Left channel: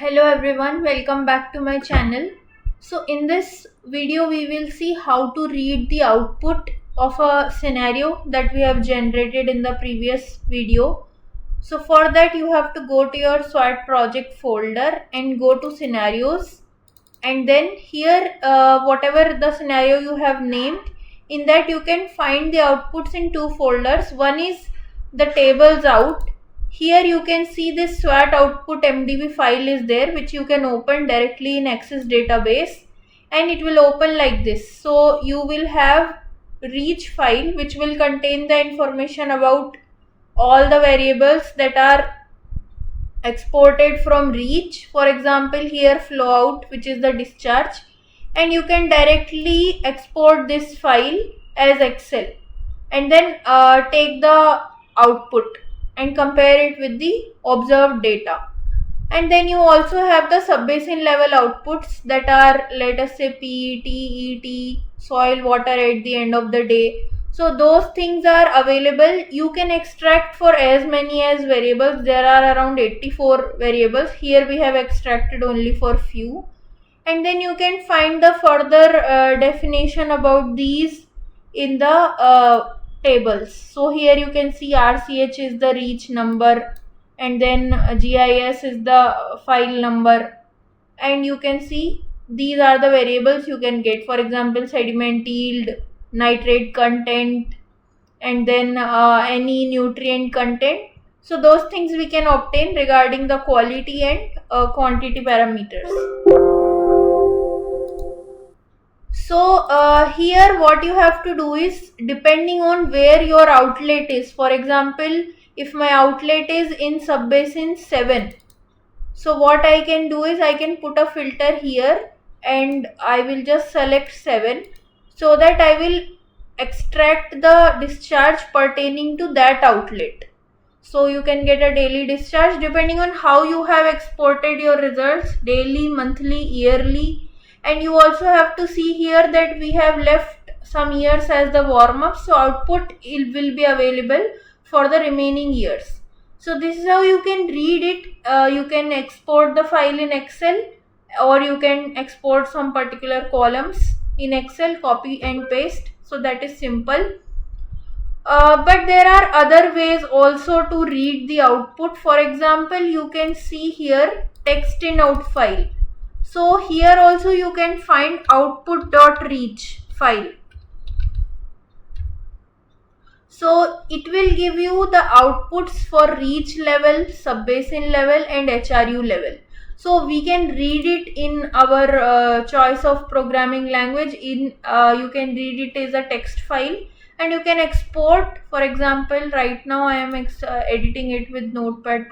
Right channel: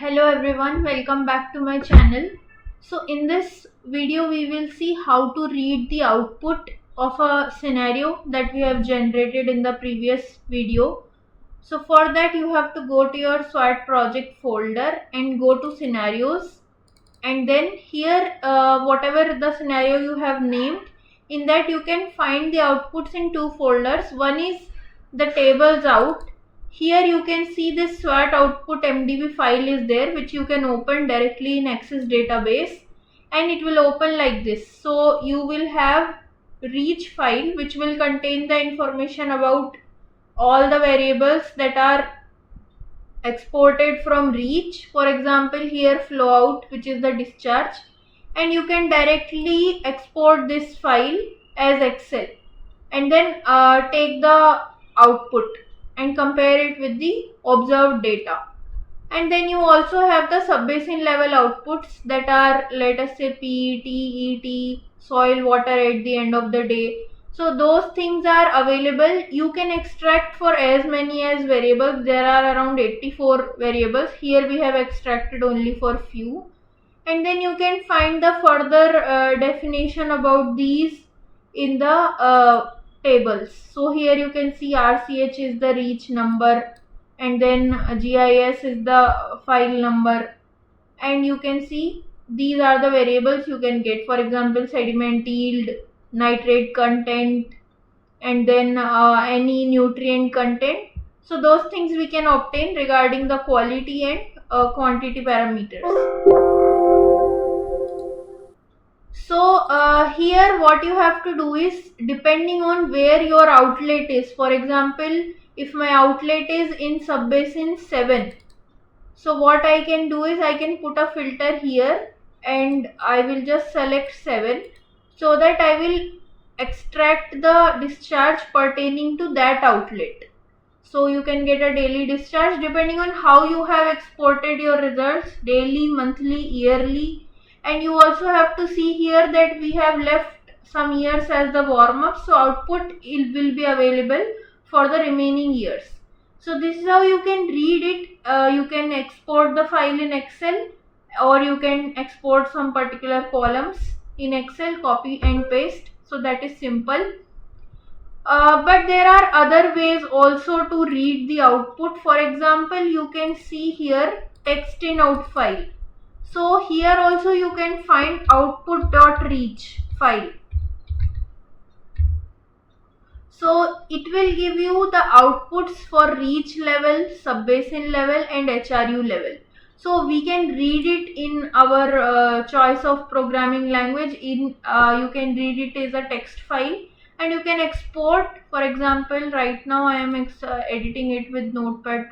Hello everyone, welcome back to my channel. So in this video we will see how to read the output of a scenario that we have generated in the previous video. So for that you have to go to your SWAT project folder and go to scenarios, and then here whatever the scenario you have named, in that you can find the outputs in two folders. One is the tables out. Here you can see this SWAT output MDB file is there, which you can open directly in Access database, and it will open like this. So you will have reach file which will contain the information about all the variables that are exported from reach. For example, here flow out, which is the discharge, and you can directly export this file as Excel and then take the output and compare it with the observed data. And then you also have the subbasin level outputs that are, let us say, PET, ET, soil, water at the end of the day. So those things are available. You can extract for as many as variables. There are around 84 variables. Here we have extracted only for few. And then you can find the further definition about these in the tables. So here you can see RCH is the reach number, and then GIS is the file number, and you can see these are the variables you can get. For example, sediment yield, nitrate content, and then any nutrient content. So those things we can obtain regarding the quality and quantity parameters. So here what you have to do is, depending on where your outlet is, for example, if my outlet is in subbasin 7, so what I can do is I can put a filter here and I will just select 7, so that I will extract the discharge pertaining to that outlet. So you can get a daily discharge depending on how you have exported your results, daily, monthly, yearly. And you also have to see here that we have left some years as the warm up, so output will be available for the remaining years. So this is how you can read it. You can export the file in Excel, or you can export some particular columns in Excel, copy and paste. So that is simple. But there are other ways also to read the output. For example, you can see here text in out file. So here also you can find output.reach file. So it will give you the outputs for reach level, subbasin level and HRU level. So we can read it in our choice of programming language. You can read it as a text file, and you can export. For example, right now I am editing it with Notepad++.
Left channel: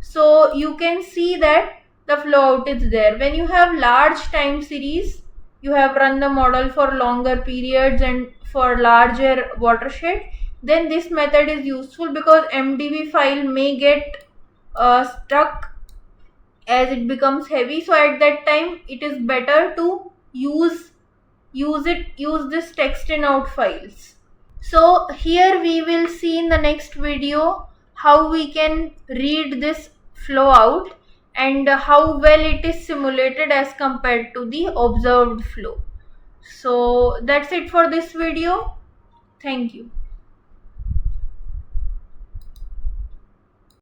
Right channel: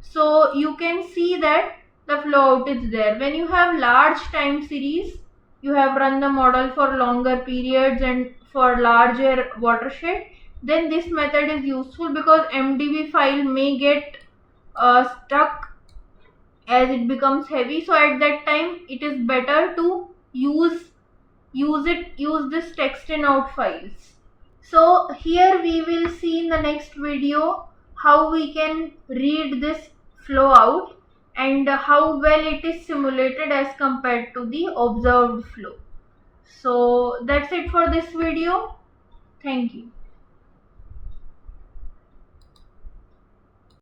So you can see that the flow out is there. When you have large time series, you have run the model for longer periods and for larger watershed, then this method is useful, because MDB file may get stuck as it becomes heavy. So at that time it is better to use this text in out files. So here we will see in the next video how we can read this flow out and how well it is simulated as compared to the observed flow. So that's it for this video. Thank you.